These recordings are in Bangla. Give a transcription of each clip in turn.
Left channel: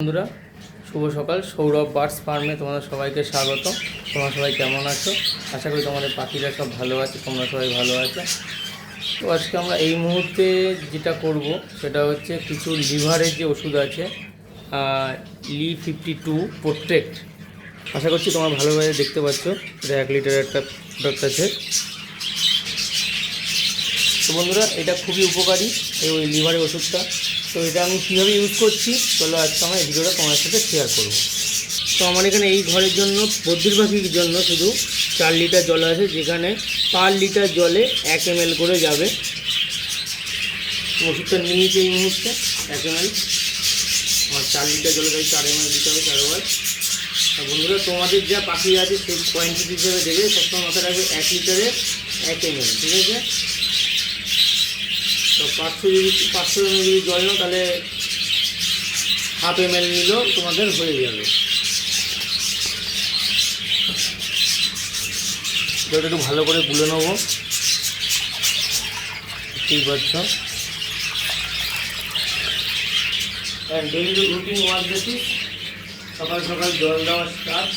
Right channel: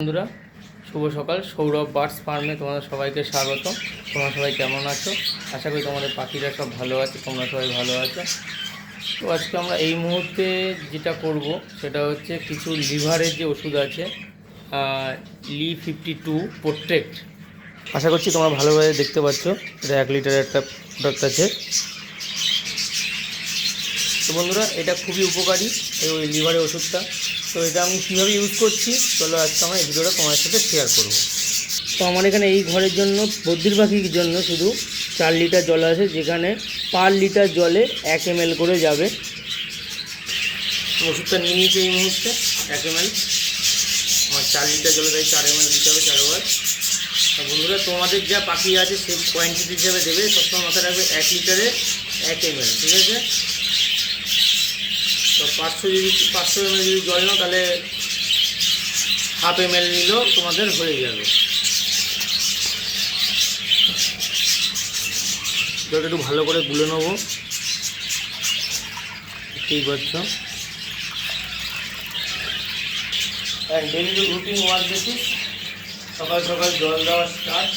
বন্ধুরা শুভ সকাল। সৌরভ বার্ডস ফার্মে তোমাদের সবাইকে স্বাগত। তোমরা সবাই কেমন আছো? আশা করি তোমাদের পাখিরা সব ভালো আছে, তোমরা সবাই ভালো আছো। তো আজকে আমরা এই মুহূর্তে যেটা করব সেটা হচ্ছে কিছু লিভারের যে ওষুধ আছে Li52 প্রোটেক্ট। আশা করছি তোমরা ভালোভাবে দেখতে পাচ্ছ, এটা 1 লিটারের একটা প্রোডাক্ট আছে। তো বন্ধুরা এটা খুবই উপকারী এই ওই লিভারের ওষুধটা। তো এটা আমি কীভাবে ইউজ করছি চলো আজকে আমরা এই ভিডিওটা তোমাদের সাথে শেয়ার করব। তো আমার এখানে এই ঘরের জন্য বদ্রির পাখির জন্য শুধু 4 লিটার জল আছে, যেখানে পার লিটার জলে 1 ml করে যাবে। ওষুধটা নিয়ে নিয়েছি এই মুহূর্তে 1 ml। আমার 4 লিটার জলে তাই 4 ml দিতে হবে 4 বার। তো বন্ধুরা তোমাদের যা পাখি আছে সেই কোয়ান্টিটি হিসেবে দেবে, সবসময় মাথায় রাখবে 1 লিটারে 1 ml, ঠিক আছে? তো 500 ml যদি জল নাও তাহলে ½ ml নিলেও তোমাদের হয়ে যাবে। জলটা একটু ভালো করে গুলে নেবো, বুঝতেই পারছো। ডেইলি রুটিন ওয়ার্ক বেসিস, সকাল সকাল জল দেওয়া স্টার্ট।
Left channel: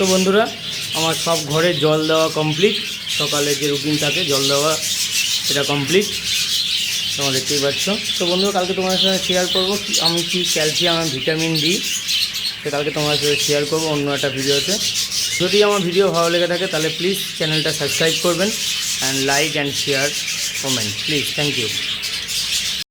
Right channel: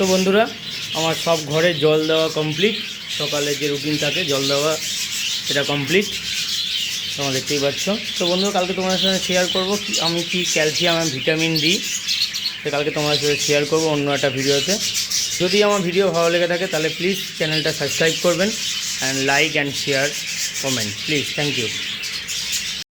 তো বন্ধুরা আমার সব ঘরে জল দেওয়া কমপ্লিট, সকালে যে রুটিন থাকে জল দেওয়া সেটা কমপ্লিট, তোমরা দেখতেই পাচ্ছ। তো বন্ধুরা কালকে তোমাদের সাথে শেয়ার করবো আমি কি ক্যালসিয়াম আর ভিটামিন ডি, তো কালকে তোমাদের সাথে শেয়ার করবো অন্য একটা ভিডিওতে। যদি আমার ভিডিও ভালো লেগে থাকে তাহলে প্লিজ চ্যানেলটা সাবস্ক্রাইব করবেন, and like and share comment please. Thank you.